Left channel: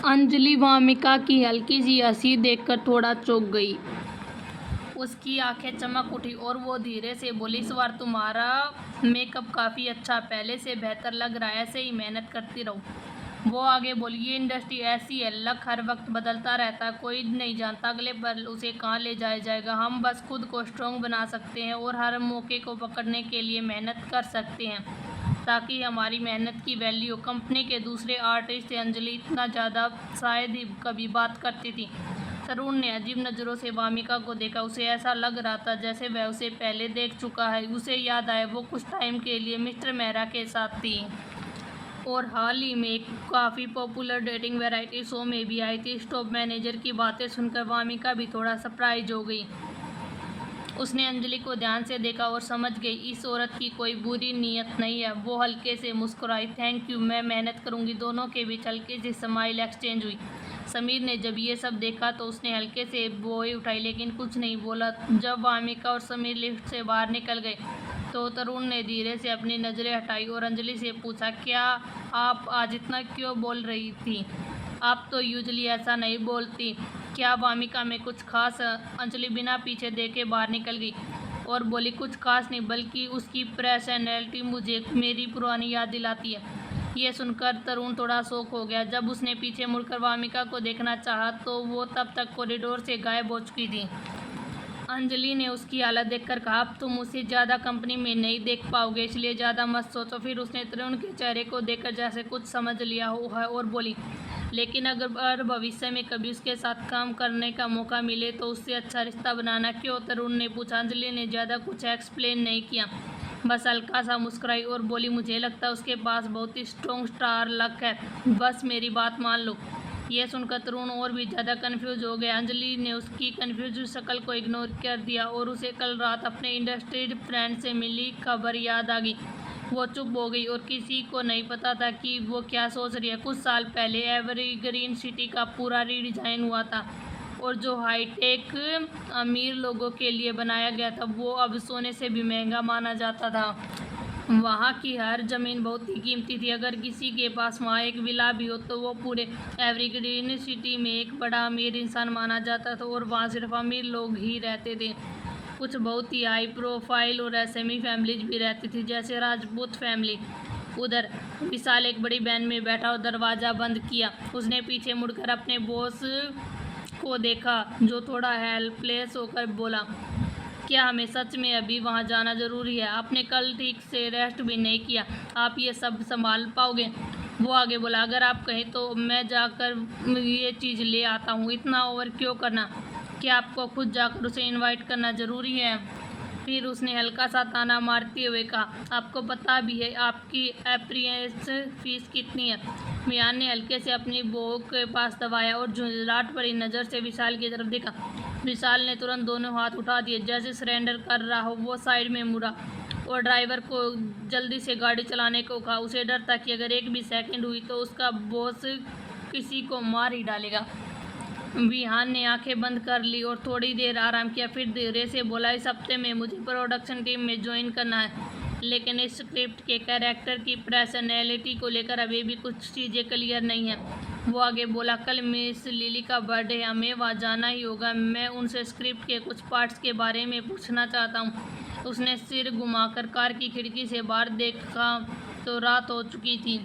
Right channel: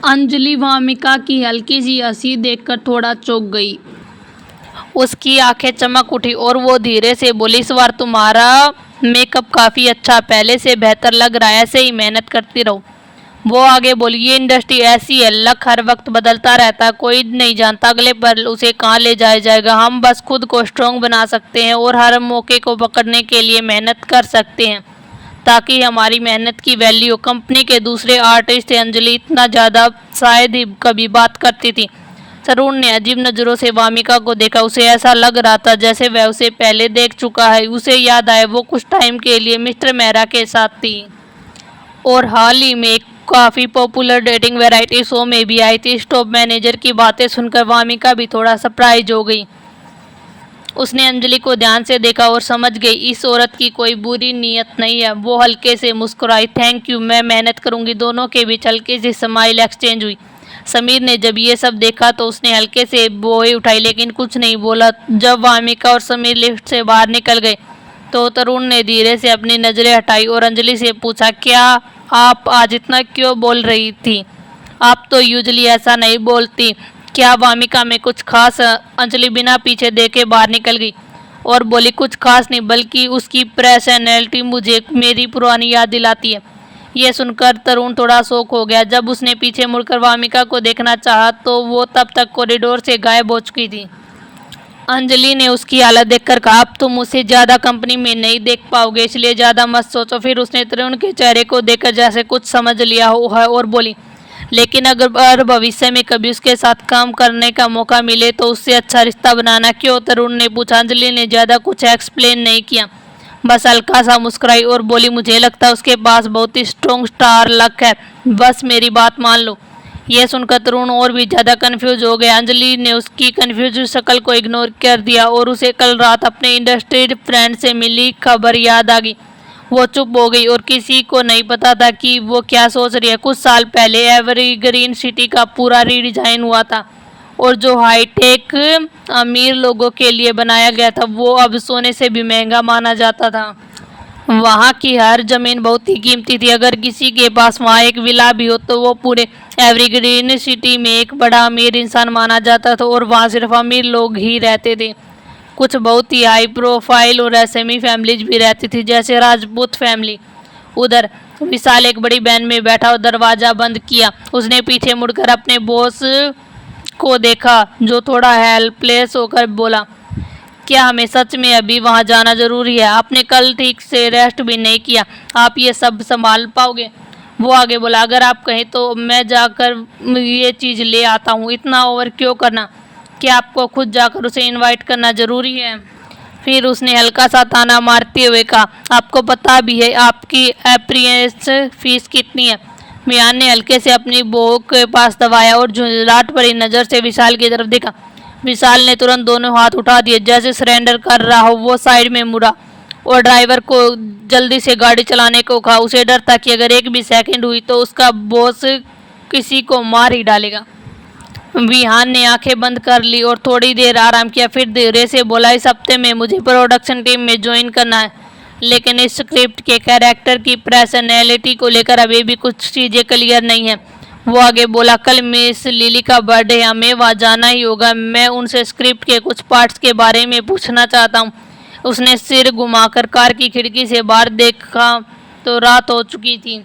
अंजलि वामिका की हल्की सी हंसी देखकर थोड़ा चौंक गई। उसकी आंखें चमक उठी और वो धीरे से बोली, इस बार तुम्हारा मेकअप काफ़ी अच्छा, पहले से बेहतर लग रहा है, ऐसे ही मेहनत करती रहो। वो आगे बोली, ये इंडस्ट्री ऐसी है, लक हर वक्त बदलता रहता है, कोई नहीं जानता अगले पल उसे कहाँ ले जाया जाएगा। हम बस खुद को स्ट्रॉन्ग बना सकते हैं और हर मौके को पकड़ने के लिए मेहनत कर सकते हैं ताकि हमारी मेहनत की वैल्यू। कंपनी के दूसरे आर्टिस्ट अंजलि इतना ज़्यादा शायद ही कभी बात करती थी। तरुण ने अजीब नज़रों से वामिका को देखा। उसे ऐसा लग रहा था जैसे वह उसे पहले देख चुका है। उसे याद आया वो कुछ टाइम के लिए मिस्टर मेहरा के साथ थी और हाल ही में एक काफ़ी पॉपुलर डेटिंग वैरायटी शो में भी आई थी। स्टॉप मैनेजर की बातें सुनकर वामिका भी थोड़ा सरप्राइज हो गई। उसने अंजलि को ध्यान से देखा और समझ गई इस औरत की कोई बुरी नीयत नहीं है। वो हल्के से मुस्कुराई, थैंक यू, मैं मेहनत करूंगी। दोनों के बीच हल्की सी स्माइल एक्सचेंज हुई। समीर ने जब ये सब देखा तो उसने हल्के से बोई उठाई लेकिन कुछ नहीं बोला। जब वामिका और समीर लिफ्ट से बाहर निकल गए तो तरुण ने धीरे से अपनी नज़रें हटाई और अंजलि से पूछा, क्या आप आज इतना क्यों बोल रही थी? आप तो यूजली ऐसा नहीं बोलती। क्या वामिका में कुछ खास? अंजलि बिना पीछे देखे बाहर निकल गई और बोली, कुछ खास नहीं, बल्कि उसकी पर्सनैलिटी मुझे मेरी पुरानी याद दिलाती है। यह सुनकर तरुण थोड़ा शॉक हो गया। जब उसने पीछे मुड़कर वामिका को देखना चाहा तो वो तब तक कॉरिडोर से गायब हो चुकी थी। अंजलि ने उसकी हालत देखकर कहा, अब तुम उसे ज़्यादा कंपनी में नहीं देख पाओगे, इसलिए ज़्यादा मत सोचो। फिर उसने तरुण के चेहरे को देखकर जैसे कुछ समझ लिया हो है और बोली, लेकिन अगर भविष्य में कभी उसके साथ काम करने का मौका मिले तो उससे अच्छा रिश्ता बनाना। क्यों? तरुण ने पूछा। अंजलि ने ज़्यादा कुछ एक्सप्लेन नहीं किया, बस हल्का सा मुस्कुराई और बोली, मुझे लगता है उसके पास बहुत ही स्ट्रॉन्ग स्टार लक है, बस मेरी बात मान लो। यह सुनकर तरुण और भी ज़्यादा कंफ्यूज हो गया। अंजलि ने उसकी कंफ्यूज शक्ल को इग्नोर कर दिया और उसे कल रात अपने इंडस्ट्री फ्रेंड से मिली खबर याद आ गई। वो चुप हो गई और किसी को नहीं पता था कि वो क्या सोच रही है। कुछ साल पहले एवरग्रीन सिटी का पूरा रीडिज़ाइन हुआ था और जो हाईटेक अमीर लोगों के लिए बनाया गया था वो अब सोने से भी महंगा माना जाता था। वहाँ की हर ज़मीन बहुत ही कीमती थी। अगर किसी के पास वहाँ एक विला भी हो तो वो पूरे एवरग्रीन सिटी में एक बड़ा अमीर इंसान माना जाता था और वहाँ सिर्फ अमीर लोग ही रहते थे। कुछ बहुत ही हाई प्रोफाइल और एसएमई फैमिलीज भी रहती थी, जैसे राजपूत फैमिली। उधर विशाल एक बड़ी वैन में बैठा और दरवाज़ा बंद किया। उसने पीछे मुड़कर अपने बॉस को देखा जो थोड़ा हेल्पलेस होकर बोला, क्या हमें सच में अभी वहाँ जाना ज़रूरी है? आपने कल ठीक से रेस्ट भी नहीं किया, आप ये सब संभाल पाओगे? वो आगे बोला, अगर आप कहें तो मैं जाकर ये चीज़ ले आता हूँ, इतना ओवर क्यों करना? क्या आपको खुद जाकर उसे इनवाइट करना ज़रूरी है? फिर उसने हल्का सा ताना मारते हुए कहा, आपको पता भी है आपकी अप्रियंस फीस कितनी है? मियान ने हल्के से अपनी बहू के पास दबाया और झुंझलाहट भरी नज़र से विशाल की तरफ देखा। विशाल ने तुरंत दोनों हाथ उठा दिए जैसे सरेंडर कर रहा हो। वो साइड में मुड़ा और ड्राइवर को जल्दी से गाड़ी चलाने को कहा। उसे डर था कि अगर एक भी सेकंड हुई तो उसका बॉस किसी को मार ही डालेगा। विहान ने आंखें बंद कर ली और थोड़ी देर आराम किया, फिर धीरे से बोला, इस हफ्ते में मुझे प्रोडक्शन टीम में ज्वाइन करना है, लेकिन इस स्क्रिप्ट के कैरेक्टर की पर्सनैलिटी को लेकर अभी भी कुछ चीज़ें क्लियर नहीं है। वो आगे बोला, कल मिस लिली का बर्थडे, हमें वहाँ जाना ही होगा। मैं उनसे स्क्रिप्ट के कुछ पार्ट्स के बारे में पूछना चाहता हूँ। उसने सिर घुमाकर कार की खिड़की से बाहर देखा तो रात हो चुकी थी।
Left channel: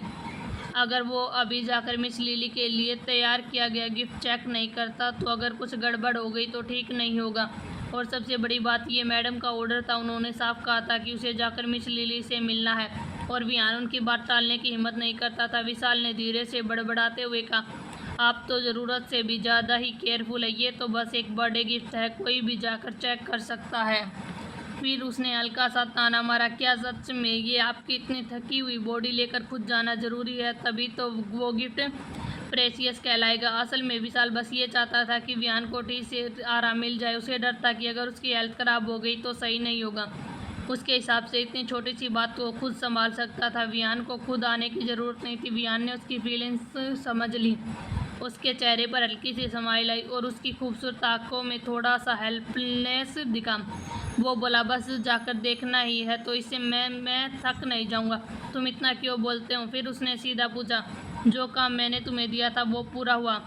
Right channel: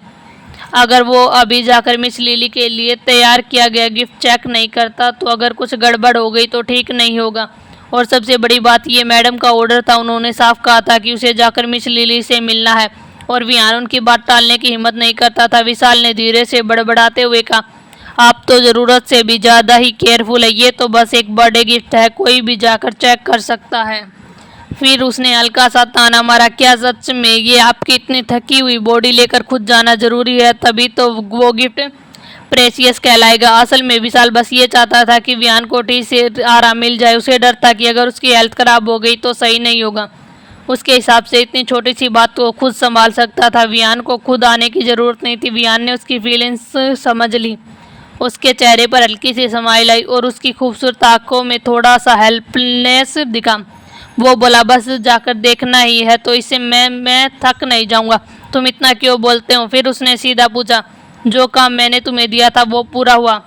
अगर वो अभी जाकर मिस लिली के लिए तैयार किया गया गिफ्ट चेक नहीं करता तो अगर कुछ गड़बड़ हो गई तो ठीक नहीं होगा। और सबसे बड़ी बात ये मैडम का ऑर्डर था, उन्होंने साफ कहा था कि उसे जाकर मिस लिली से मिलना है और विहान उनकी बात टालने की हिम्मत नहीं करता था। विशाल ने धीरे से बड़बड़ाते हुए कहा, आप तो ज़रूरत से भी ज़्यादा ही केयरफुल है, ये तो बस एक बर्थडे गिफ्ट है, कोई भी जाकर चेक कर सकता है। फिर उसने हल्का सा ताना मारा, क्या सच में ये आपकी इतनी थकी हुई बॉडी लेकर खुद जाना ज़रूरी है? तभी तो वो गिफ्ट प्रेशियस कहलाएगा। असल में विशाल बस ये चाहता था कि विहान को ठीक से आराम मिल जाए। उसे डर था कि अगर उसकी हेल्थ ख़राब हो गई तो सही नहीं होगा। उसके हिसाब से इतनी छोटी सी बात को खुद संभाल सकता था। विहान को खुद आने की ज़रूरत नहीं थी। विहान ने उसकी फीलिंग्स समझ ली। उसके चेहरे पर हल्की सी स्माइल आई और उसकी खूबसूरत आंखों में थोड़ा सा हेल्पलेस दिखा। वो बोला, बस जाकर देखना ही है तो इससे मैं थक नहीं जाऊंगा, तुम इतना क्यों बोलते हो? फिर उसने सीधा पूछा, जो काम मैंने तुम्हें दिया था वो पूरा हुआ।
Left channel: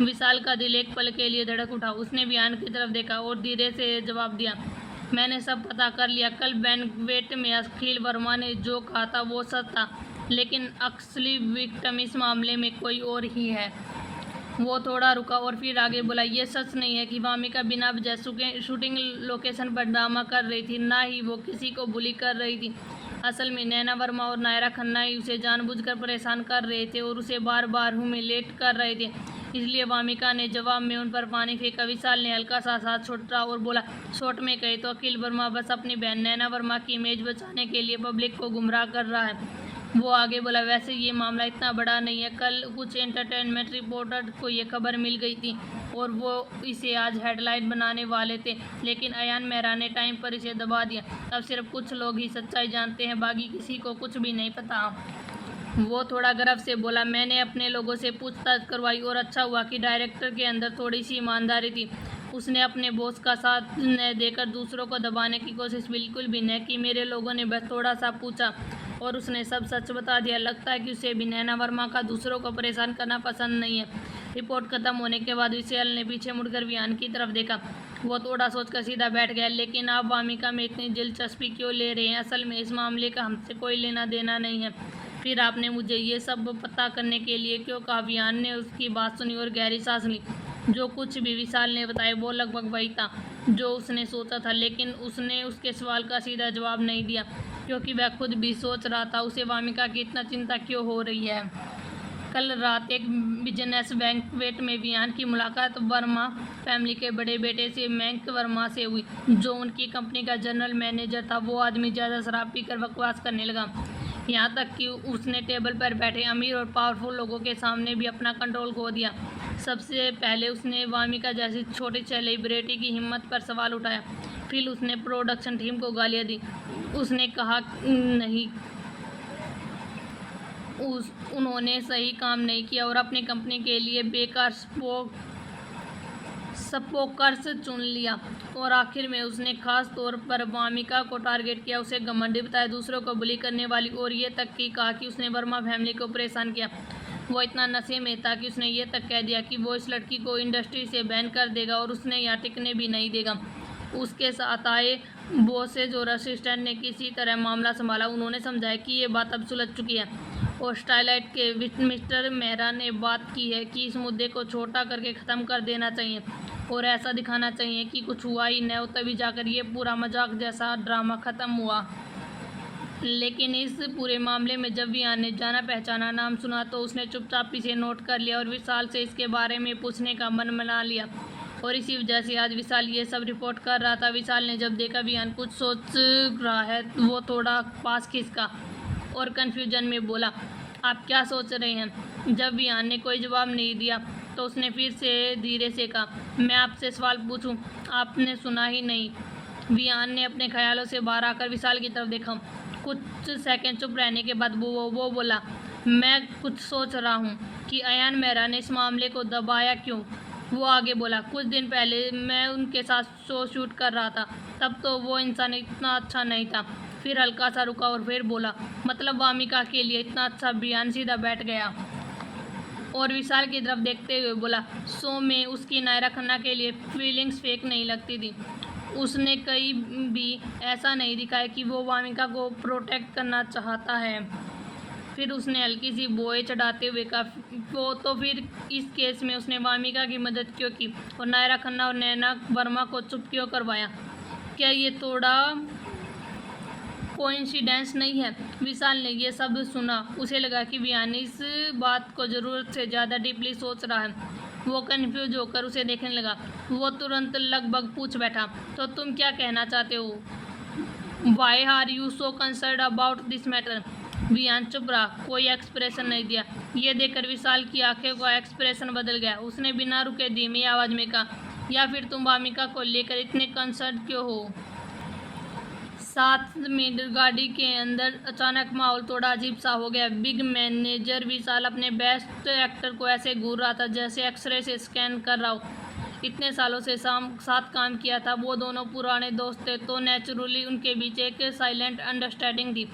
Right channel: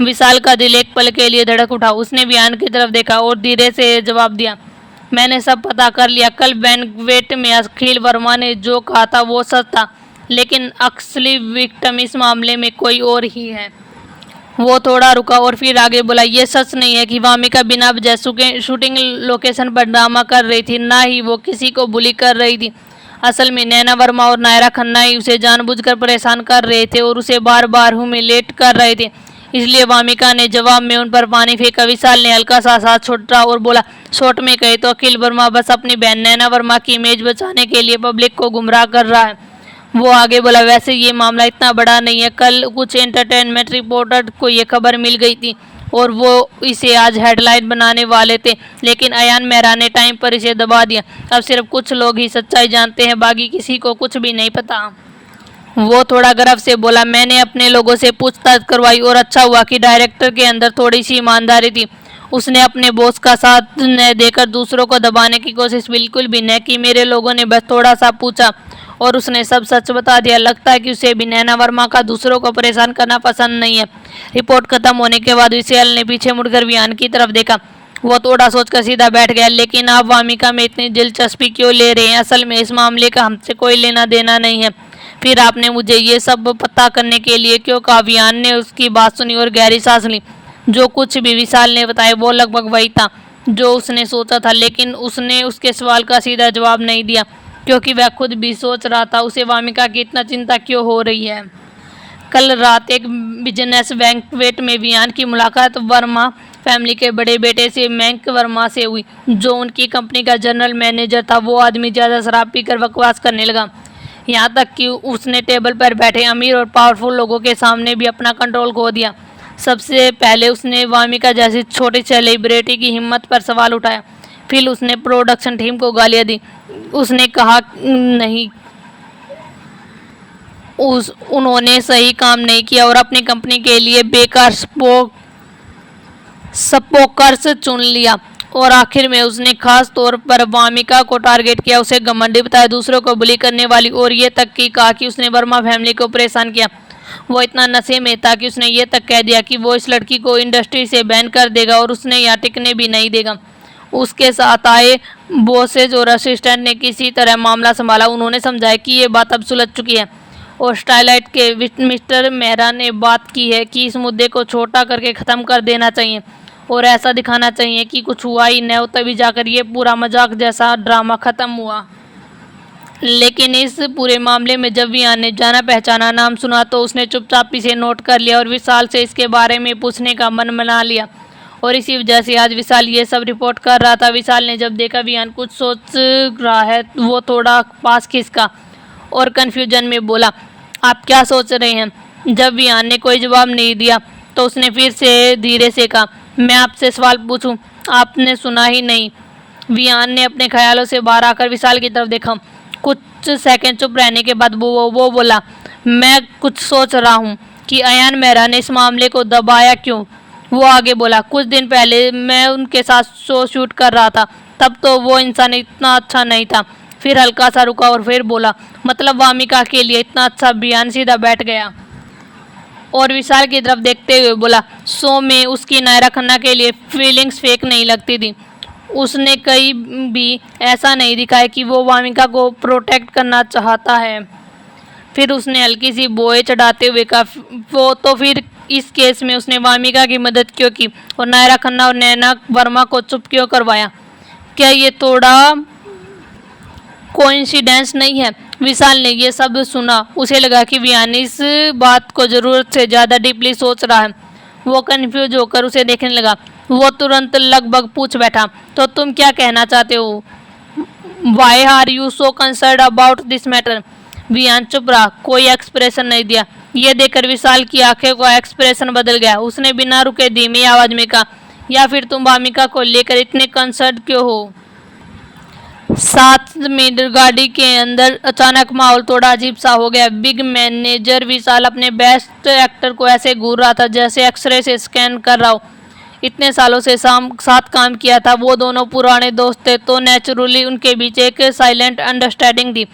विशाल का दिल एक पल के लिए धड़क उठा। उसने विहान की तरफ देखा और धीरे से जवाब दिया, मैंने सब पता कर लिया। कल बैंक्वेट में अखिल वर्मा ने जो कहा था वो सच था, लेकिन असली विक्टिम इस मामले में कोई और ही है। वो थोड़ा रुका और फिर आगे बोला, ये सच नहीं है कि वामिका बिना वजह शूटिंग लोकेशन पर ड्रामा कर रही थी, ना ही वो किसी को बुली कर रही थी। असल में नैना वर्मा और नायरा खन्ना ही उसे जानबूझकर परेशान कर रहे थे और उसे बार बार ह्यूमिलेट कर रहे थे। इसलिए वामिका ने जवाब में उन पर पानी फेंका। विशाल ने हल्का सा साथ छोड़ा और बोला, शॉर्ट में कहे तो अखिल वर्मा बस अपनी बहन नैना वर्मा की इमेज बचाने के लिए पब्लिक को गुमराह कर रहा है। वो आगे बोला, वैसे ये मामला इतना बड़ा नहीं है। कल कुछ एंटरटेनमेंट रिपोर्टर को ये खबर मिल गई थी और वो इसे आज हेडलाइन बनाने वाले थे, लेकिन अयान मेहरा ने टाइम पर इसे दबा दिया। अब सिर्फ कुछ लोग ही सच्चाई जानते हैं, बाकी किसी को कुछ भी नहीं पता। वो थोड़ा गर्व से बोला, मैंने अपने लोगों से पूछताछ करवाई और अच्छा हुआ कि डायरेक्टर के अंदर थोड़ी सी ईमानदारी थी। उसने अपने बॉस का साथ न देकर दूसरों को दबाने की कोशिश बिल्कुल भी न की। मेरे लोगों ने बस थोड़ा सा पूछा और उसने सब सच बता दिया। लगता है कि उसे भी नैना वर्मा का दूसरों को परेशान करना पसंद नहीं है। रिपोर्ट खत्म होने के बाद विशाल ने पीछे मुड़कर विहान की तरफ देखा। वो थोड़ा सोचकर सीधा बैठ गया, लेकिन आप वामिका में इतनी दिलचस्पी क्यों ले रहे हैं? असल में इस मामले का हमसे कोई लेना देना नहीं है। फिर आपने मुझे ये सब पता करने के लिए क्यों कहा? विहान ने उसकी बात सुनी और गहरी सांस ली। जो कुछ भी विशाल ने बताया वो लगभग वही था जो उसने सोचा था, लेकिन उसने उसके सवाल का सीधा जवाब नहीं दिया, क्योंकि वह खुद भी सोच रहा था उसे वामिका की इतना चिंता क्यों हो रही है। कल रात एक बिजनेस बैंक्वेट में विहान की मुलाकात वर्मा फैमिली के बड़े बेटे से मैंक वर्मा से हुई, जो उनकी कंपनी का जनरल मैनेजर था। वो आदमी ज़्यादा शराब पीकर बकवास करने लगा, यहाँ तक कि उसने टेबल पर बैठे अमीर और पावरफुल लोगों के सामने भी अपना कंट्रोल खो दिया। सबसे पहले उसने वामिका जैसी छोटी सेलिब्रिटी की हिम्मत पर सवाल उठाया। फिर उसने प्रोडक्शन टीम को गालियाँ दी। उसने कहा नहीं, उन्होंने सही काम नहीं किया और अपनी कंपनी के लिए बेकार स्पोकर्स चुन लिया। और आखिर में उसने खास तौर पर वामिका को टारगेट किया, उसे घमंडी बताया, दूसरों को बुली करने वाली, और ये तक कि कहा कि उसने वर्मा फैमिली को परेशान किया। वो इतना नशे में था कि उसने ये तक कह दिया कि वो इस लड़की को इंडस्ट्री से बैन कर देगा और उसने यहाँ टिकने भी नहीं देगा। उसके साथ आए बॉसेज और असिस्टेंट ने किसी तरह मामला संभाला। उन्होंने समझाया कि ये बात अब सुलझ चुकी है और स्टाइलाइट के मिस्टर मेहरा ने बात की है कि इस मुद्दे को छोटा करके ख़त्म कर देना चाहिए और ऐसा दिखाना चाहिए कि कुछ हुआ ही न हो, तभी जाकर ये पूरा मजाक जैसा ड्रामा ख़त्म हुआ। लेकिन इस पूरे मामले में जब विहान ने जाना पहचाना नाम सुना तो उसने चुपचाप इसे नोट कर लिया और विशाल से इसके बारे में पूछने का मन बना लिया, और इसी वजह से आज विशाल ये सब रिपोर्ट कर रहा था। विशाल ने जब देखा विहान कुछ सोच रहा है, वो थोड़ा पास खिसका और कन्फ्यूजन में बोला, आप क्या सोच रहे हैं? जब विहान ने कोई जवाब नहीं दिया तो उसने फिर से धीरे से कहा, मैं आपसे सवाल पूछूं? आपने सुना ही नहीं। विहान ने अपने ख्यालों से बाहर आकर विशाल की तरफ देखा। कुछ सेकंड चुप रहने के बाद वो बोला, मैं कुछ सोच रहा हूँ कि अयान मेहरा ने इस मामले को दबाया क्यों। वो आगे बोला, कुछ दिन पहले मैं उनके साथ शो शूट कर रहा था, तब तो वो इंसान इतना अच्छा नहीं था। फिर हल्का सा रुका और फिर बोला, मतलब वामिका के लिए इतना अच्छा? विहान सीधा बैठ गया और विशाल की तरफ देखते हुए बोला, शो में उसकी नायरा खन्ना के लिए फीलिंग्स फेक नहीं लगती थी। उसने कहीं भी ऐसा नहीं दिखाया कि वो वामिका को प्रोटेक्ट करना चाहता है। फिर उसने हल्की सी बोए चढ़ाते हुए कहा, वो तो फिर इस केस में उसने वामिका की मदद क्यों की और नायरा खन्ना और नैना वर्मा को चुप क्यों करवाया? क्या ये थोड़ा कोइंसिडेंस नहीं है? विशाल ने ये सब सुना। उसे लगा कि विहान इस बात को ज़रूरत से ज़्यादा डीपली सोच रहा है। वो कन्फ्यूज होकर उसे देखने लगा। वो तुरंत लगभग पूछ बैठा, तो तुम क्या कहना चाहते हो? Why are you so concern about this matter? Vihaan चुप रहा, कोई एक्सप्रेशन नहीं दिया। ये देखकर विशाल की आंखें का एक्सप्रेशन बदल गया। उसने बिना रुके धीमी आवाज में कहा, या फिर तुम वामिका को लेकर इतने कंसर्न क्यों हो? 7 मिनट गाड़ी के अंदर अचानक माहौल थोड़ा अजीब सा हो गया। बिग मैनेजर विशाल अपने बेस्ट एक्टर को ऐसे घूर रहा था जैसे एक्सरे से स्कैन कर रहा हो। इतने सालों से साथ काम किया था, वो दोनों पुराने दोस्त थे, तो नेचुरली उनके बीच एक साइलेंट अंडरस्टैंडिंग थी।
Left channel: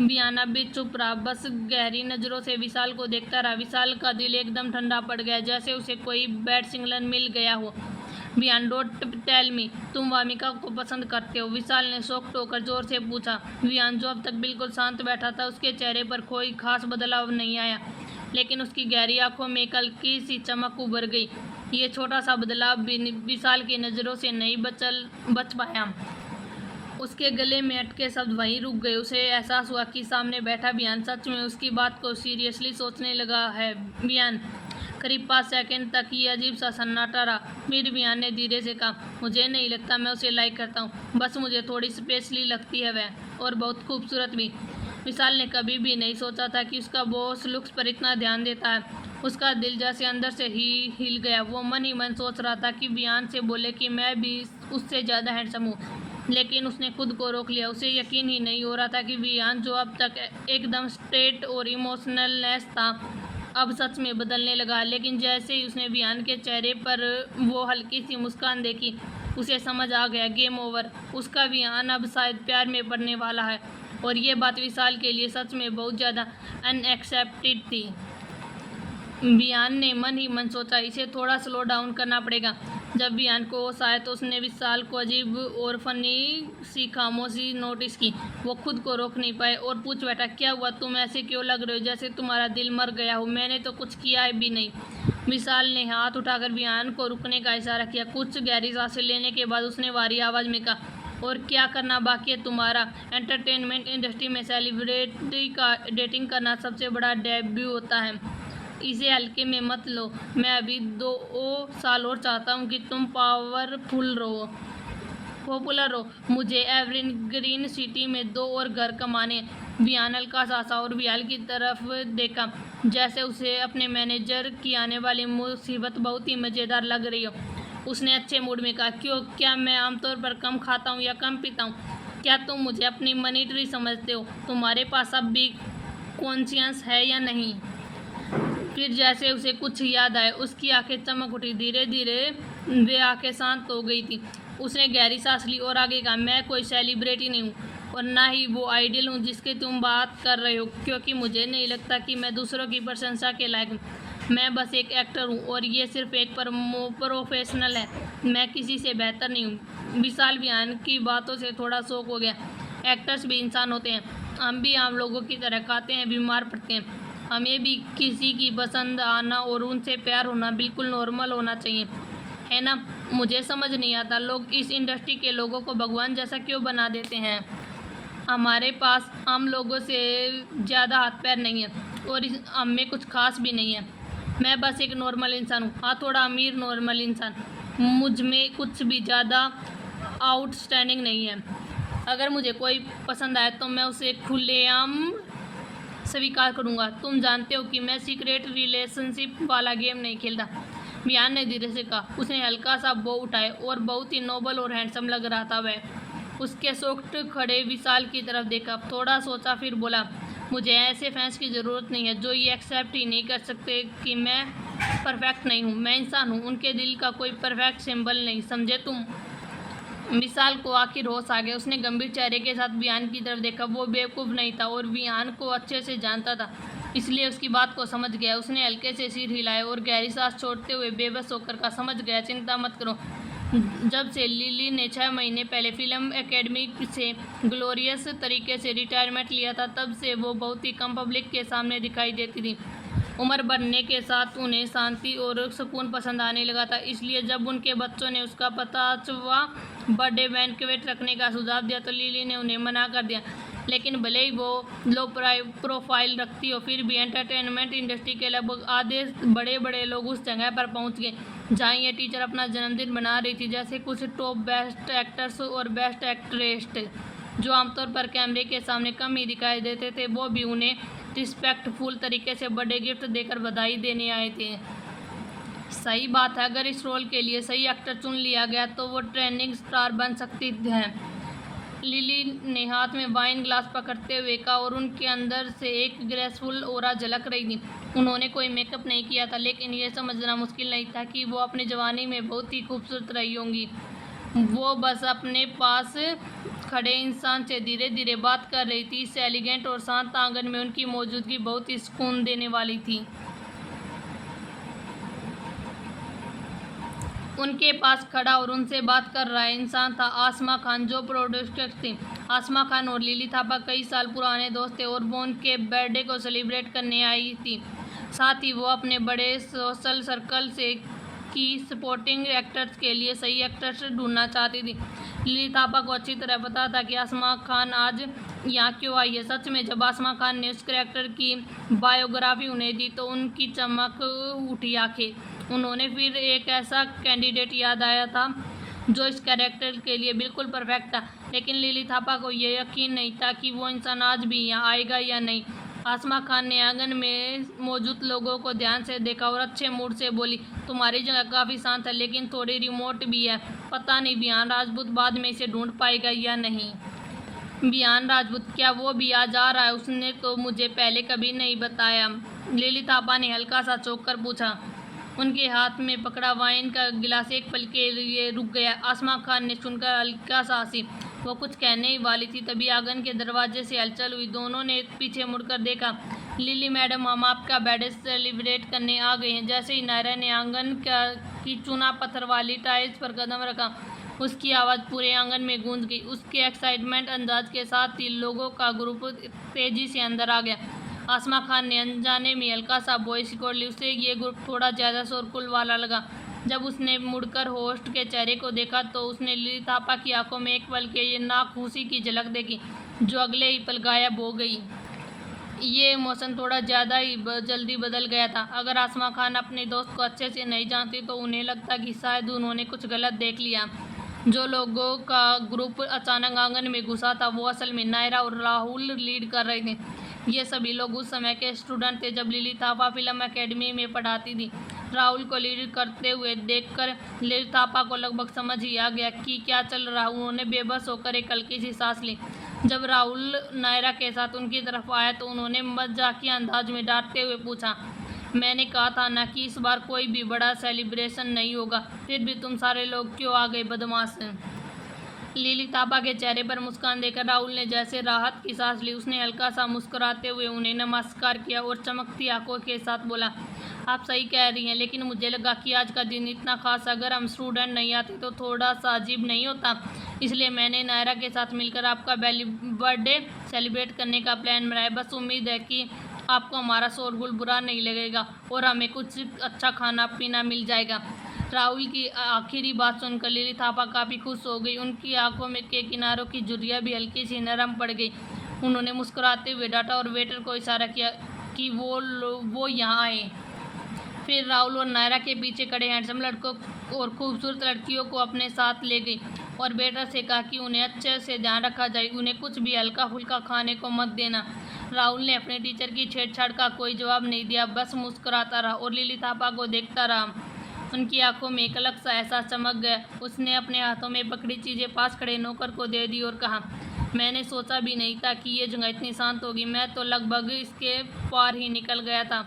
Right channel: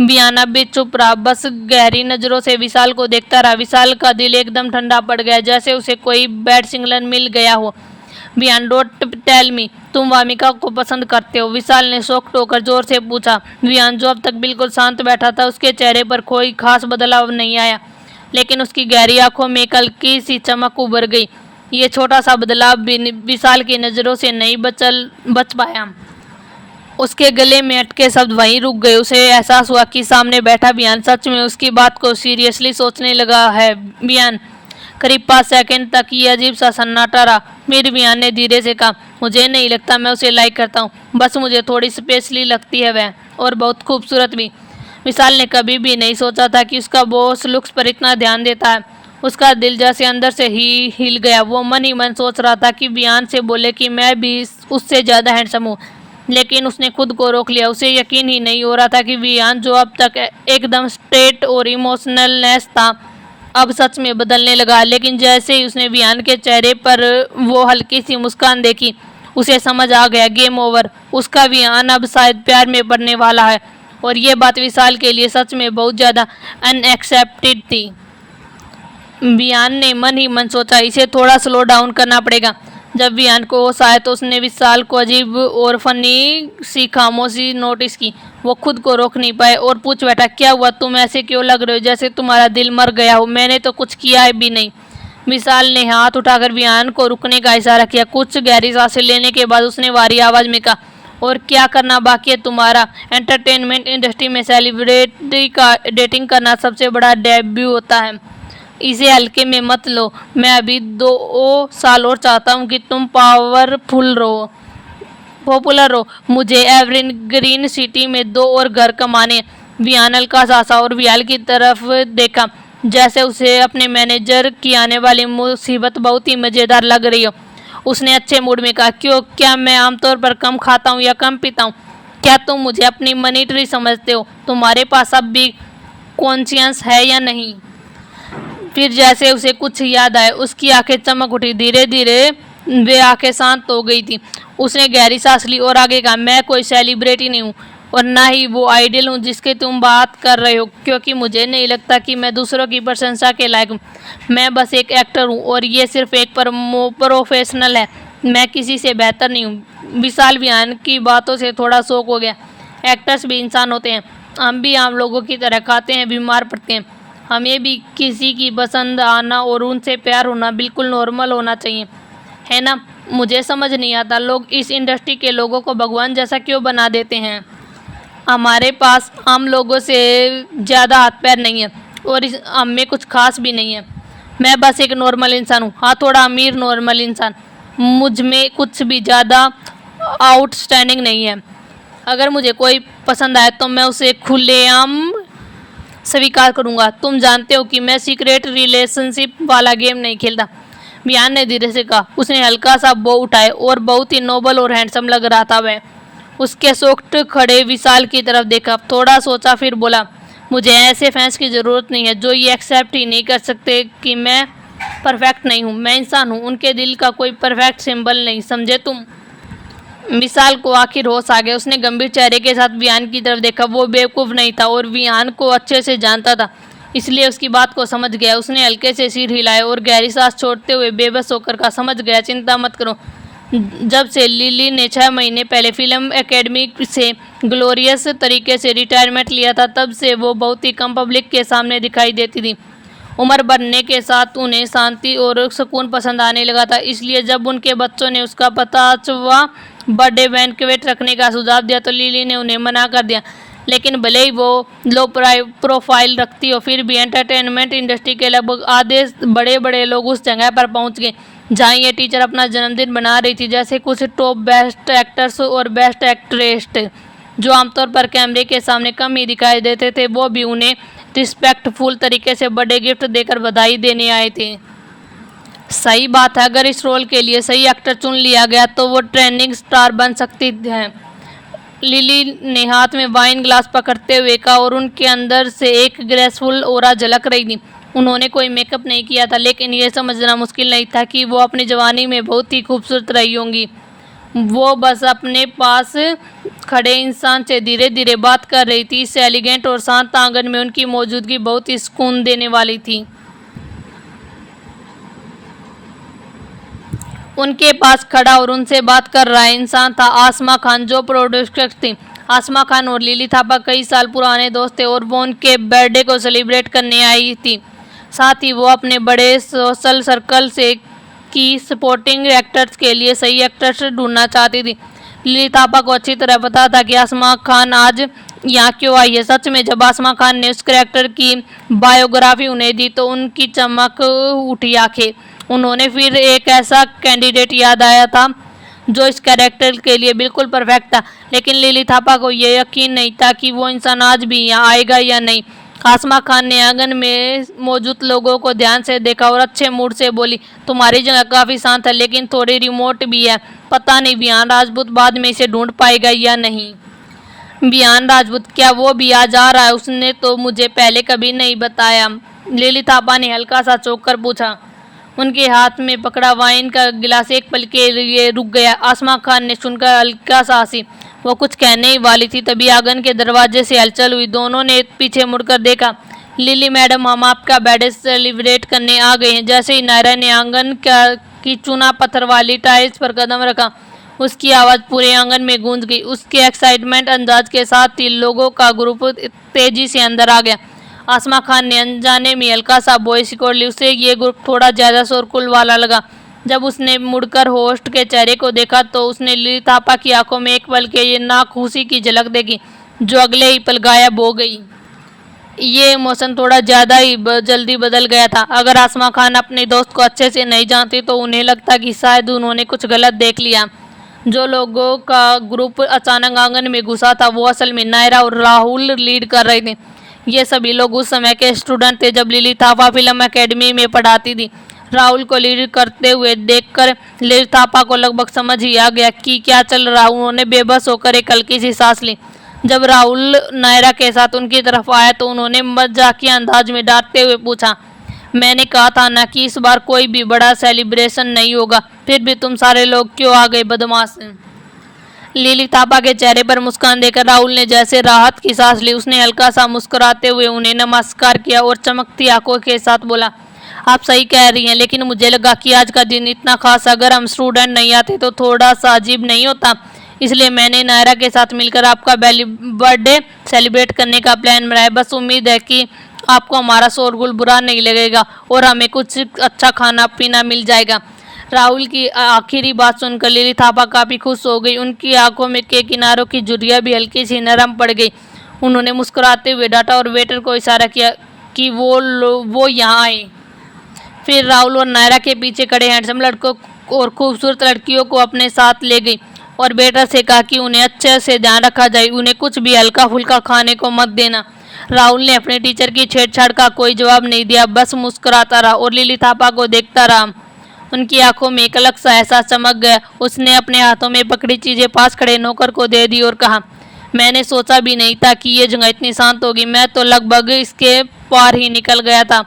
बियाना भी चुप रहा, बस गहरी नजरों से विशाल को देखता रहा। विशाल का दिल एकदम ठंडा पड़ गया, जैसे उसे कोई बैड सिग्नल मिल गया हो। बियान, डोंट टेल मी, तुम वामिका को पसंद करते हो? विशाल ने शॉक्ड होकर जोर से पूछा। बियान, जो अब तक बिल्कुल शांत बैठा था, उसके चेहरे पर कोई खास बदलाव नहीं आया, लेकिन उसकी गहरी आंखों में एक हल्की सी चमक उभर गई। ये छोटा सा बदलाव भी विशाल की नज़रों से नहीं बच पाया। उसके गले में अटके शब्द वहीं रुक गए। उसे एहसास हुआ कि सामने बैठा बियान सच में उसकी बात को सीरियसली सोचने लगा है। बियान, करीब 5 सेकंड तक ये अजीब सा सन्नाटा रहा। फिर बियान ने धीरे से कहा, मुझे नहीं लगता मैं उसे लाइक करता हूँ, बस मुझे थोड़ी स्पेशली लगती है वह, और बहुत खूबसूरत भी। विशाल ने कभी भी नहीं सोचा था कि उसका बॉस लुक्स पर इतना ध्यान देता है। उसका दिल जैसे अंदर से ही हिल गया। वो मन ही मन सोच रहा था कि बियान से बोले कि मैं भी उससे ज़्यादा हैंडसम हूँ, लेकिन उसने खुद को रोक लिया। उसे यकीन ही नहीं हो रहा था कि बियान, जो अब तक एकदम स्ट्रेट और इमोशनलनेस था, अब सच में बदलने लगा। लेकिन जैसे ही उसने बियान के चेहरे पर वो हल्की सी मुस्कान देखी, उसे समझ आ गया, गेम ओवर। उसका बियान अब शायद प्यार में पड़ने वाला है, और ये बात विशाल के लिए सच में बहुत ज़्यादा अनएक्सेप्टेड थी। बियान ने मन ही मन सोचा, इसे थोड़ा स्लो डाउन करना पड़ेगा। जब बियान को होश आया तो उसने विशाल को अजीब और फनी सी खामोशी नोटिस की। वो खुद को रोक नहीं पाए और पूछ बैठा, क्या हुआ? तुम ऐसे क्यों लग रहे हो जैसे तुम्हारा दिल मर गया हो? मैंने तो कुछ किया है भी नहीं। विशाल ने हाथ उठाकर बियान को रुकने का इशारा किया। कुछ गहरी सांसें लेने के बाद उसने भारी आवाज़ में कहा, और क्या करना बाकी है तुम्हारा? एंटरटेनमेंट इंडस्ट्री में सेलिब्रिटी का डेटिंग करना सबसे बड़ा डेब्यू होता है, इसे हल्के में मत लो। मैं अभी 2 साल और चाहता हूँ कि तुम पॉपुलर हो। मुझे एवरग्रीन सिटी में 2 और घर कमाने। बियान हल्का सा और विशाल की तरफ देखा, जैसे उसे अपने मैनेजर की आने वाली मुसीबत बहुत ही मज़ेदार लग रही हो। उसने अच्छे मूड में कहा, क्या मैं आमतौर पर कम खाता हूँ या कम पीता हूँ? क्या तुम मुझे अपनी मनी ट्री समझते हो? तुम्हारे पास अब भी कॉन्शियस है या नहीं? फिर जैसे उसे कुछ याद आया, उसकी आंखें चमक उठी। धीरे धीरे वे आंखें शांत हो गई थी। उसने गहरी सांस ली और आगे कहा, मैं कोई सेलिब्रिटी नहीं हूँ, और ना ही वो आइडल हूँ जिसकी तुम बात कर रहे हो, क्योंकि मुझे नहीं लगता कि मैं दूसरों की प्रशंसा के लायक हूँ। मैं बस एक एक्टर हूँ, और ये सिर्फ एक प्रोफेशनल है। मैं किसी से बेहतर नहीं हूँ। विशाल बियान की बातों से थोड़ा शौक हो गया। एक्टर्स भी इंसान होते हैं, हम भी आम लोगों की तरह खाते हैं, बीमार पड़ते हैं। हमें भी किसी की पसंद आना और उनसे प्यार होना बिल्कुल नॉर्मल होना चाहिए, है ना? मुझे समझ नहीं आता, लोग इस इंडस्ट्री के लोगों को भगवान जैसा क्यों बना देते हैं। हमारे पास आम लोगों से ज़्यादा हाथ पैर नहीं है, और हम में कुछ खास भी नहीं है। मैं बस एक नॉर्मल इंसान हूँ, हाँ थोड़ा अमीर नॉर्मल इंसान। मुझ में कुछ भी ज़्यादा आउटस्टैंडिंग नहीं है। अगर मुझे कोई पसंद आए तो मैं उसे खुलेआम स्वीकार करूंगा। तुम जानते हो कि मैं सीक्रेट रिलेशनशिप वाला गेम नहीं खेलता। बियान ने धीरे से कहा। उसने हल्का सा बो उठाए और बहुत ही नोबल और हैंडसम लग रहा था वह। उसके सोक्ट खड़े विशाल की तरफ देखा, थोड़ा सोचा, फिर बोला, मुझे ऐसे फैंस की ज़रूरत नहीं है जो ये एक्सेप्ट ही नहीं कर सकते कि मैं परफेक्ट नहीं हूँ। मैं इंसान हूँ, उनके दिल का कोई परफेक्ट सिंबल नहीं, समझे तुम? विशाल को आखिर होश आ गया। उसने गंभीर चेहरे के साथ बियान की तरफ देखा। वो बेवकूफ़ नहीं था और बियान को अच्छे से जानता था, इसलिए उसकी बात को समझ गया। उसने हल्के से सिर हिलाया और गहरी सांस छोड़ते हुए बेबस होकर कहा, समझ गया, चिंता मत करो। जब से लिली ने 6 महीने पहले फिल्म एकेडमी से ग्लोरियस तरीके से रिटायरमेंट लिया था, तब से वो बहुत ही कम पब्लिक के सामने दिखाई देती थी। उम्र बढ़ने के साथ उन्हें शांति और सुकून पसंद आने लगा था, इसलिए जब उनके बच्चों ने उसका 50वां बर्थडे बैंक्वेट रखने का सुझाव दिया तो लिली ने उन्हें मना कर दिया। लेकिन भले ही वो लो प्रोफाइल रखती हो, फिर भी एंटरटेनमेंट इंडस्ट्री के लगभग आधे बड़े बड़े लोग उस जगह पर पहुंच गए जहां ये टीचर अपना जन्मदिन बना रही थी। जैसे कुछ टॉप बेस्ट एक्टर्स और बेस्ट एक्ट्रेस जो आमतौर पर कैमरे के सामने कम ही दिखाई देते थे, वो भी उन्हें रिस्पेक्टफुल तरीके से बर्थडे गिफ्ट देकर बधाई देने आए थे। सही बात है, अगर इस रोल के लिए सही एक्टर चुन लिया गया तो वो ट्रेंडिंग स्टार बन सकती है। लिली ने हाथ में वाइन ग्लास पकड़ते हुए कहा और उनके अंदर से एक ग्रेसफुल ऑरा झलक रही थी। उन्होंने कोई मेकअप नहीं किया था, लेकिन यह समझना मुश्किल नहीं था कि वो अपनी जवानी में बहुत ही खूबसूरत रही होंगी। वो बस अपने पास खड़े इंसान से धीरे धीरे बात कर रही थी। इस एलिगेंट और शांत आंगन में उनकी मौजूदगी बहुत ही सुकून देने वाली थी। उनके पास खड़ा और उनसे बात कर रहा इंसान था आसमा खान, जो प्रोड्यूसर थी। आसमा खान और लिली थापा कई साल पुराने दोस्त थे और वो उनके बर्थडे को सेलिब्रेट करने आई थी। साथ ही वो अपने बड़े सोशल सर्कल से की सपोर्टिंग एक्टर्स के लिए सही एक्टर्स ढूंढना चाहती थी। लिली थापा को अच्छी तरह पता था कि आसमा खान आज यहाँ क्यों आई है। सच में जब आसमा खान ने उस कैरेक्टर की बायोग्राफी उन्हें दी तो उनकी चमक उठी आंखें। उन्होंने फिर एक ऐसा कैंडिडेट याद आया था जो इस कैरेक्टर के लिए बिल्कुल परफेक्ट था, लेकिन लिली थापा को यह यकीन नहीं था कि वो इंसान आज भी यहाँ आएगा या नहीं। आसमा खान ने आंगन में मौजूद लोगों को ध्यान से देखा और अच्छे मूड से बोली, तुम्हारी जगह काफ़ी शांत है लेकिन थोड़ी रिमोट भी है। पता नहीं बियान राजपूत बाद में इसे ढूंढ पाएगा या नहीं। बियान राजपूत? क्या वो भी आज आ रहा है? उसने तो मुझे पहले कभी नहीं बताया। लिली थापा ने हल्का सा चौंक कर पूछा। उनके हाथ में पकड़ा वाइन का गिलास एक पल के लिए रुक गया। आसमा खान ने सुनकर हल्का सा हंसी। वो कुछ कहने ही वाली थी तभी आंगन के दरवाजे से हलचल हुई। दोनों ने पीछे मुड़कर देखा। लिली मैडम, हम आपका बर्थडे सेलिब्रेट करने आ गए हैं। जैसे ही नायरा ने आंगन की चूना पत्थर वाली टाइल्स पर कदम रखा, उसकी आवाज़ पूरे आंगन में गूंज गई। उसके एक्साइटमेंट अंदाज के साथ ही लोगों का ग्रुप तेजी से अंदर आ गया। आसमा खान ने अनजाने में हल्का सा वॉइस रिकॉर्ड ली। उसे ये ग्रुप थोड़ा ज़्यादा शोरगुल वाला लगा। जब उसने मुड़कर होस्ट के चेहरे को देखा तो उसने लिली थापा की आंखों में एक पल के ये नाखुशी की झलक देखी, जो अगले ही पल गायब हो गई। ये इमोशन थोड़ा ज़्यादा ही जल्दी बदल गया था। अगर आसमा खान अपने दोस्त को अच्छे से नहीं जानती तो उन्हें लगता कि शायद उन्होंने कुछ गलत देख लिया। जो लोगों का ग्रुप अचानक आंगन में घुसा था वो असल में नायरा और राहुल लीड कर रहे थे। ये सभी लोग उस समय के स्टूडेंट थे जब लिली थापा फिल्म एकेडमी में पढ़ाती थी। राहुल को लीड करते हुए देखकर लिली थापा को लगभग समझ ही आ गया कि क्या चल रहा। उन्होंने बेबस होकर एक हल्की सी सांस ली। जब राहुल नायरा के साथ उनकी तरफ आया तो उन्होंने मजाकिया अंदाज में डांटते हुए पूछा, मैंने कहा था ना कि इस बार कोई भी बड़ा सेलिब्रेशन नहीं होगा, फिर भी तुम सारे लोग क्यों आ गए बदमाश। लिली थापा के चेहरे पर मुस्कान देकर राहुल ने जैसे राहत की सांस ली। उसने हल्का सा मुस्कुराते हुए उन्हें नमस्कार किया और चमकती आंखों के साथ बोला, आप सही कह रही हैं, लेकिन मुझे लगा कि आज का दिन इतना खास, अगर हम स्टूडेंट नहीं आते तो थोड़ा सा अजीब नहीं होता। इसलिए मैंने नायरा के साथ मिलकर आपका बर्थडे सेलिब्रेट करने का प्लान बनाया। बस उम्मीद है कि आपको हमारा शोरगुल बुरा नहीं लगेगा और हमें कुछ अच्छा खाना पीना मिल जाएगा। राहुल की आखिरी बात सुनकर लिली थापा काफ़ी खुश हो गई। उनकी आंखों में के किनारों की झुर्रियाँ भी हल्की सी नरम पड़ गई। उन्होंने मुस्कुराते हुए डांटा और वेटर को इशारा किया कि वो यहाँ आए। फिर राहुल और नायरा के पीछे खड़े हैंडसम लड़कों और खूबसूरत लड़कियों को अपने साथ ले गई और वेटर से कहा कि उन्हें अच्छे से ध्यान रखा जाए, उन्हें कुछ भी हल्का फुल्का खाने को मत देना। राहुल ने अपने टीचर की छेड़छाड़ का कोई जवाब नहीं दिया, बस मुस्कुराता रहा और लिली थापा को देखता रहा। उनकी आंखों में एक अलग सा एहसास चमक गया। उसने अपने हाथों में पकड़ी चीज़ें पास खड़े नौकर को दे दी और कहा, मैंने सोचा भी नहीं था कि ये जगह इतनी शांत होगी। मैं तो लगभग इसके पार ही निकल गया था।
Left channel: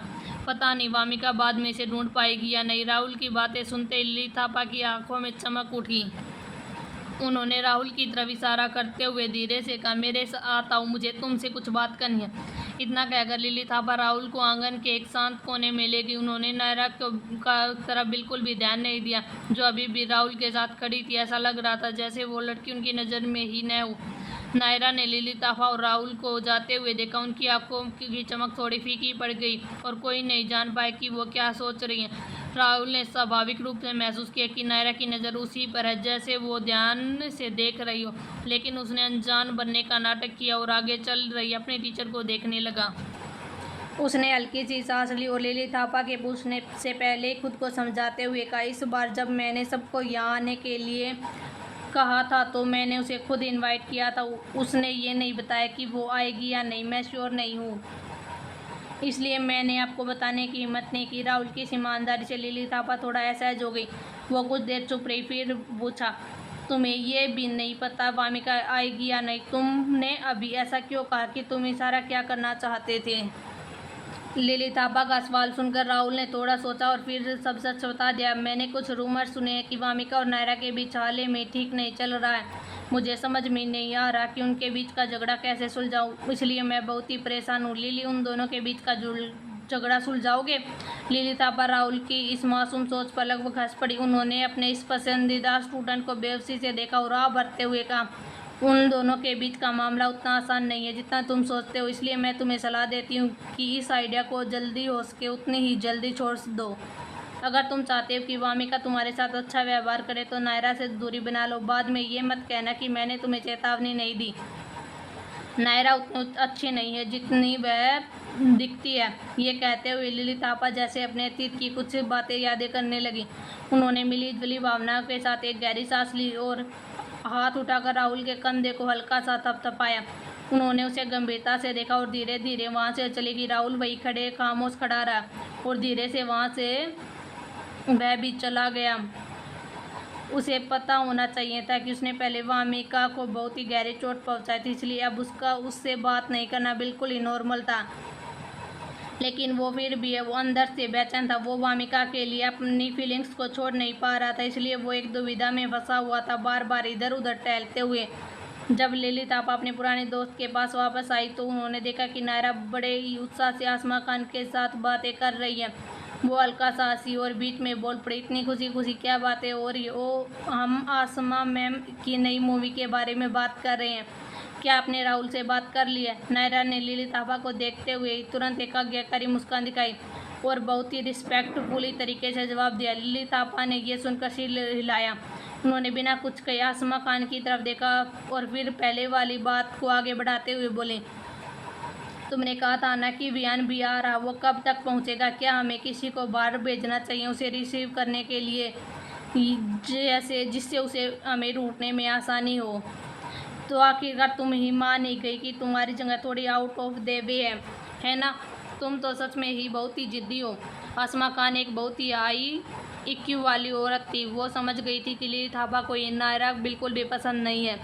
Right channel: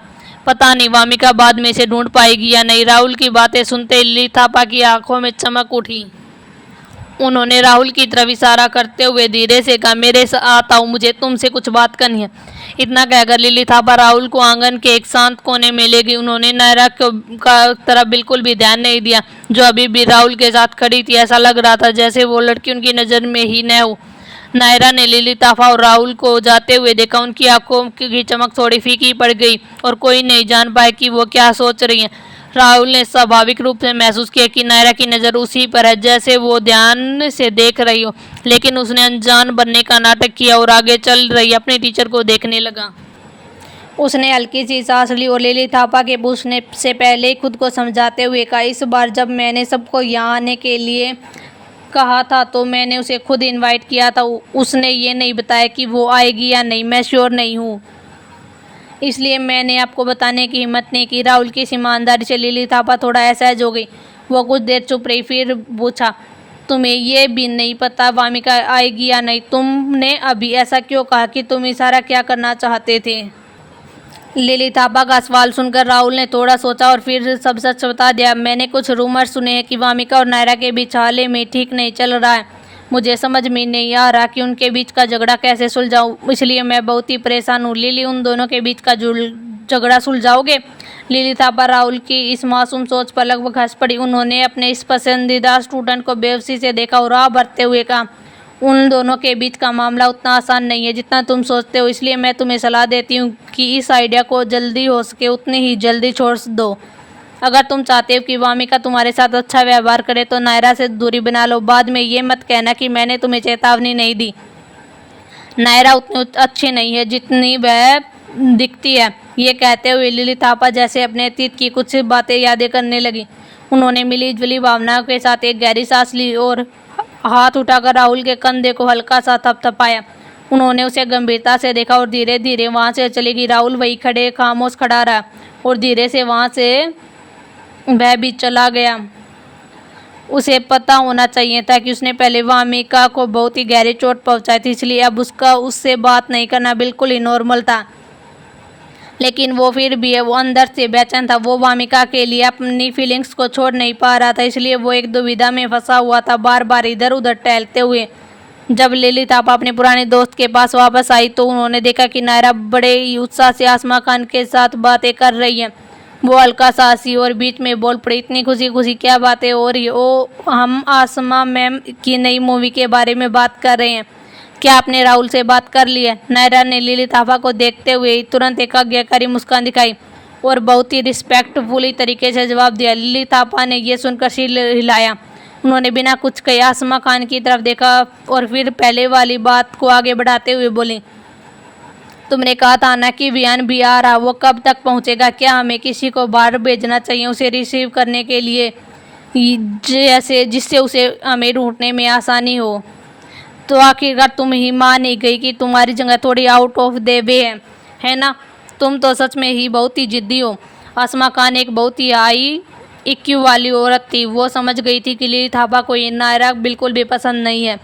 पता नहीं वामिका बाद में इसे ढूंढ पाएगी या नहीं। राहुल की बातें सुनते लिली थापा की आंखों में चमक उठी। उन्होंने राहुल की तरफ इशारा करते हुए धीरे से कहा, मेरे साथ आओ, मुझे तुमसे कुछ बात करनी है। इतना कहकर लिली थापा राहुल को आंगन के एक शांत कोने में ले गई। उन्होंने नायरा का तरफ बिल्कुल भी ध्यान नहीं दिया, जो अभी भी राहुल के साथ खड़ी थी। ऐसा लग रहा था जैसे वो लड़की उनकी नज़र में ही न हो। नायरा ने लिली थापा और राहुल को जाते हुए देखा। उनकी आंखों की चमक थोड़ी फीकी पड़ गई और कोई नहीं जान पाया कि वो क्या सोच रही हैं। राहुल ने स्वाभाविक रूप से महसूस किया कि नायरा की नज़र उसी पर है, जैसे वो ध्यान से देख रही हो, लेकिन उसने अनजान बनने का नाटक किया और आगे चल रही अपने टीचर को देखने लगा। उसने हल्की सी सांस ली और लिली थापा के पूछने से पहले ही खुद को समझाते हुए कहा, इस बार जब मैंने सबको यहाँ आने के लिए कहा था तो मैंने उसे खुद इनवाइट किया था। उसने ये नहीं बताया कि वो आएगी या नहीं, मैं श्योर नहीं हूँ, इसलिए मैंने आपको बताने की हिम्मत नहीं की। राहुल की ईमानदारी से लिली थापा थोड़ा असहज हो गई। वो कुछ देर चुप रही, फिर पूछा, तुम्हें ये भी नहीं पता वामिका आएगी या नहीं? तुमने अभी ऐसा क्यों कहा कि तुम इशारा क्या करना चाहते थे? लिली थापा का सवाल सुनकर राहुल ने थोड़ा सोचा और फिर सब सच बता दिया। मैंने कुछ रूमर सुने हैं कि वामिका और नायरा के बीच हाल ही में ठीक नहीं चल रहा है। मुझे समझ में नहीं आ रहा कि उनके बीच का झगड़ा कैसे सुलझाऊं, इसलिए मैं बहुत ही परेशान हूँ। लिली, उन दोनों के बीच का झगड़ा सुलझाओगे? लिली थापा राहुल की इस मासूम सोच पर लगभग हंस पड़ी। उन्होंने अपने इस पसंदीदा स्टूडेंट को बेवसी से देखा और राह भरते हुए कहा, उन दोनों के बीच का मामला उतना आसान नहीं है जितना तुम सोचते हो, इसलिए मैं तुम्हें सलाह देती हूँ कि इस आइडिया को जल्दी हो सके उतनी ही जल्दी छोड़ दो। अगर तुम चाहते हो कि वामिका तुम्हारे साथ अच्छा व्यवहार करे तो नायरा से दूरी बना लो। बाद में ये मत कहना कि मैंने तुम्हें चेतावनी नहीं दी। नायरा उतनी अच्छी नहीं है जितनी वह दिखती है। ये कहते हुए लिली थापा जैसे अपने अतीत की कुछ बातें यादें करने लगी। उन्होंने मिली जुली भावनाओं के साथ एक गहरी सांस ली और हाथ उठाकर राहुल के कंधे को हल्का सा थपथपाया। उन्होंने उसे गंभीरता से देखा और धीरे धीरे वहाँ से चली गई। राहुल वही खड़े खामोश खड़ा रहा और धीरे से वहाँ से वह भी चला गया। उसे पता होना चाहिए था कि उसने पहले वामिका को बहुत ही गहरी चोट पहुंचाई थी, इसलिए अब उसका उससे बात नहीं करना बिल्कुल ही नॉर्मल था। लेकिन वो फिर भी वो अंदर से बेचैन था। वो वामिका के लिए अपनी फीलिंग्स को छोड़ नहीं पा रहा था, इसलिए वो एक दुविधा में फंसा हुआ था, बार बार इधर उधर टहलते हुए। जब लिली थापा अपने पुराने दोस्त के पास वापस आई तो उन्होंने देखा कि नायरा बड़े ही उत्साह से आसमा खान के साथ बातें कर रही है। वो हल्का सा हंसी और बीच में बोल पड़ी, इतनी खुशी खुशी क्या बातें हो रही? ओ, हम आसमा मैम की नई मूवी के बारे में बात कर रहे हैं। क्या आपने राहुल से बात कर ली है? नायरा ने लिली थापा को देखते हुए तुरंत एक आज्ञाकारी मुस्कान दिखाई और बहुत ही रिस्पेक्टफुली तरीके से जवाब दिया। लिली थापा ने यह सुनकर सिर हिलाया। उन्होंने बिना कुछ कहे आसमा खान की तरफ देखा और फिर पहले वाली बात को आगे बढ़ाते हुए बोली, तुमने कहा था ना कि वियान भी आ रहा, वो कब तक पहुंचेगा? क्या हमें किसी को बाहर भेजना चाहिए उसे रिसीव करने के लिए, जैसे जिससे उसे हमें ढूंढने में आसानी हो? तो आखिरकार तुम ही मान ही गई कि तुम्हारी जगह थोड़ी आउट ऑफ द वे है ना? तुम तो सच में ही बहुत ही जिद्दी हो। आसमा खान एक बहुत ही हाई IQ वाली औरत थी। वो समझ गई थी कि लिली थापा को ये नायरा बिल्कुल भी पसंद नहीं है,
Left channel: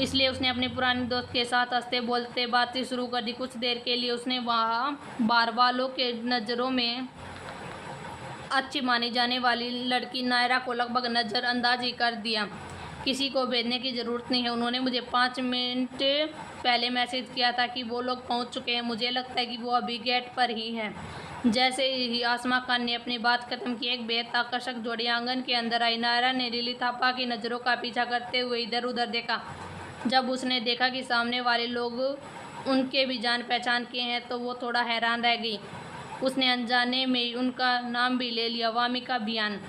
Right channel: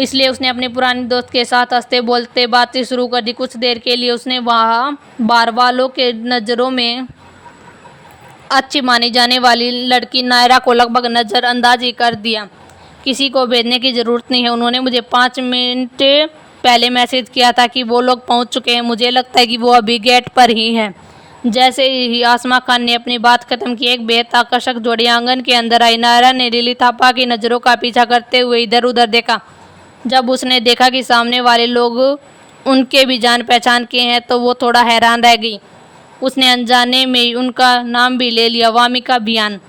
इसलिए उसने अपने पुराने दोस्त के साथ हंसते बोलते बातें शुरू कर दी। कुछ देर के लिए उसने वहाँ बार वालों के नज़रों में अच्छी मानी जाने वाली लड़की नायरा को लगभग नज़रअंदाज ही कर दिया। किसी को भेजने की ज़रूरत नहीं है, उन्होंने मुझे 5 मिनट पहले मैसेज किया था कि वो लोग पहुंच चुके हैं। मुझे लगता है कि वो अभी गेट पर ही हैं। जैसे ही आसमा खान ने अपनी बात खत्म की, एक बेहद आकर्षक जोड़ी आंगन के अंदर आई। नायरा ने लिली थापा की नज़रों का पीछा करते हुए इधर उधर देखा। जब उसने देखा कि सामने वाले लोग उनके भी जान पहचान के हैं तो वो थोड़ा हैरान रह गई। उसने अनजाने में उनका नाम भी ले लिया, वामिका बियान।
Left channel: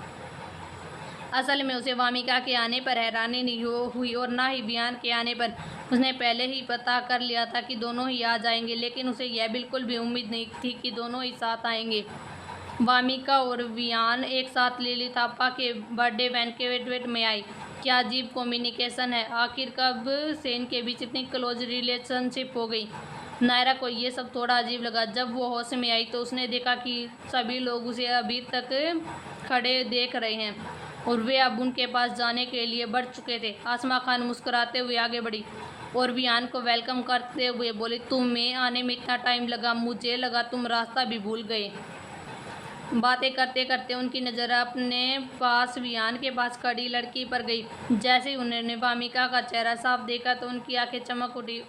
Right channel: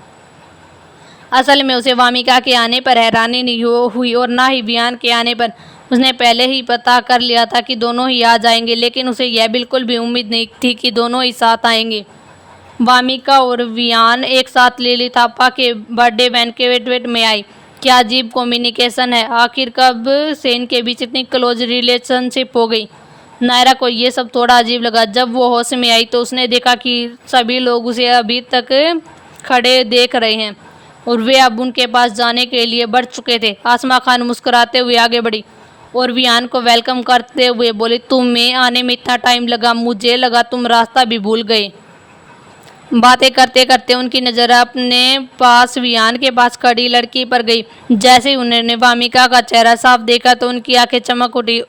असल में उसे वामिका के आने पर हैरानी नहीं हुई और ना ही वियान के आने पर। उसने पहले ही पता कर लिया था कि दोनों ही आ जाएंगे, लेकिन उसे यह बिल्कुल भी उम्मीद नहीं थी कि दोनों ही साथ आएंगे। वामिका और वियान एक साथ लिली थापा के बर्थडे बैंक्वेट में आई। क्या अजीब कम्युनिकेशन है। आखिर कब से इनके बीच इतनी क्लोज रिलेशनशिप हो गई? नायरा को ये सब थोड़ा अजीब लगा। जब वो होश में आई तो उसने देखा कि सभी लोग उसे अभी तक खड़े देख रहे हैं और वे अब उनके पास जाने के लिए बढ़ चुके थे। आसमा खान मुस्कुराते हुए आगे बढ़ी और वियान को वेलकम करते हुए बोली, तुम्हें आने में इतना टाइम लगा? मुझे लगा तुम रास्ता भी भूल गए। बातें करते करते उनकी नज़र अपने पास वियान के पास खड़ी लड़की पर गई। जैसे ही उन्होंने वामिका का चेहरा साफ देखा तो उनकी आंखें चमक उठी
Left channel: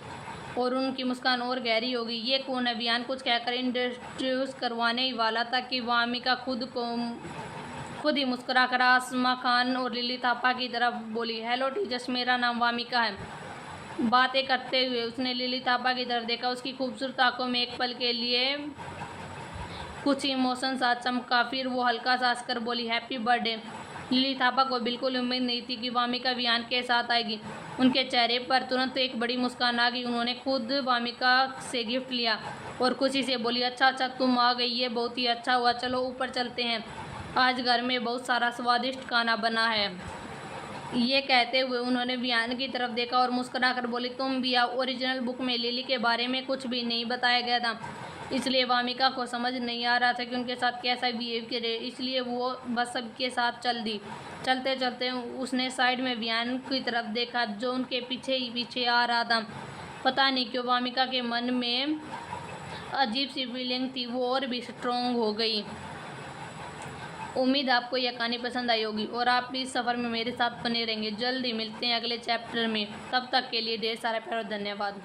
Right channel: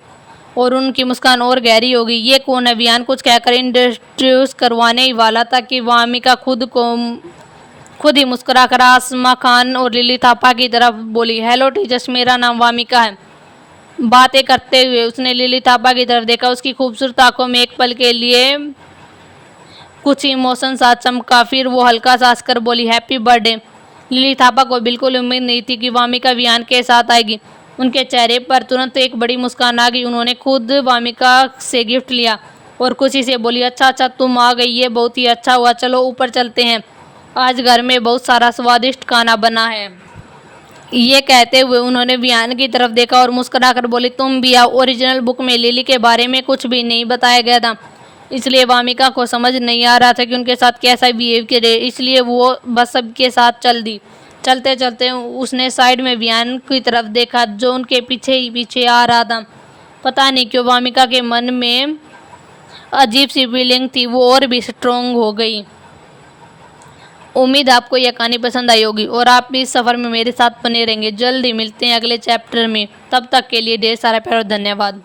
और उनकी मुस्कान और गहरी हो गई। ये कौन है? वियान कुछ कहकर इंट्रोड्यूस करवाने ही वाला था कि वामिका खुद ही मुस्कुराकर आसमा खान और लिली थापा की तरफ बोली, हेलो टीचर्स, मेरा नाम वामिका है। बातें करते हुए उसने लिली थापा की तरफ देखा। उसकी खूबसूरत आंखों में एक पल के लिए कुछ इमोशन सा चमका, फिर वो हल्का सा हंसकर बोली, हैप्पी बर्थडे। लिली थापा को बिल्कुल उम्मीद नहीं थी कि वामिका वियान के साथ आएगी। उनके चेहरे पर तुरंत एक बड़ी मुस्कान आ गई। उन्होंने खुद वामिका से गिफ्ट लिया और खुशी से बोली, अच्छा तुम आ गई, ये बहुत ही अच्छा हुआ, चलो ऊपर चलते हैं, आज घर में बहुत सारा स्वादिष्ट खाना बना है। ये कहते हुए उन्होंने वियान की तरफ देखा और मुस्कुराकर बोली, तुम भी आओ। ओरिजिनल बुक में लिली के बारे में कुछ भी नहीं बताया गया था, इसलिए वामिका को समझ नहीं आ रहा था कि उनके साथ कैसा बिहेव करे, इसलिए वो बस सबके साथ चल दी। चलते चलते उसने साइड में वियान की तरफ देखा जो उनके पीछे ही पीछे आ रहा था। पता नहीं क्यों वामिका के मन में अजीब सी फीलिंग थी, वो और भी स्ट्रोंग हो गई। उम्मीद आपको यह कहानी पसंद आई होगी और आप भी इस सफ़र में मेरे साथ बने रहेंगे। जल्द ही मिलते हैं अगले चैप्टर में, तब तक के लिए ढेर सारा प्यार और धन्यवाद।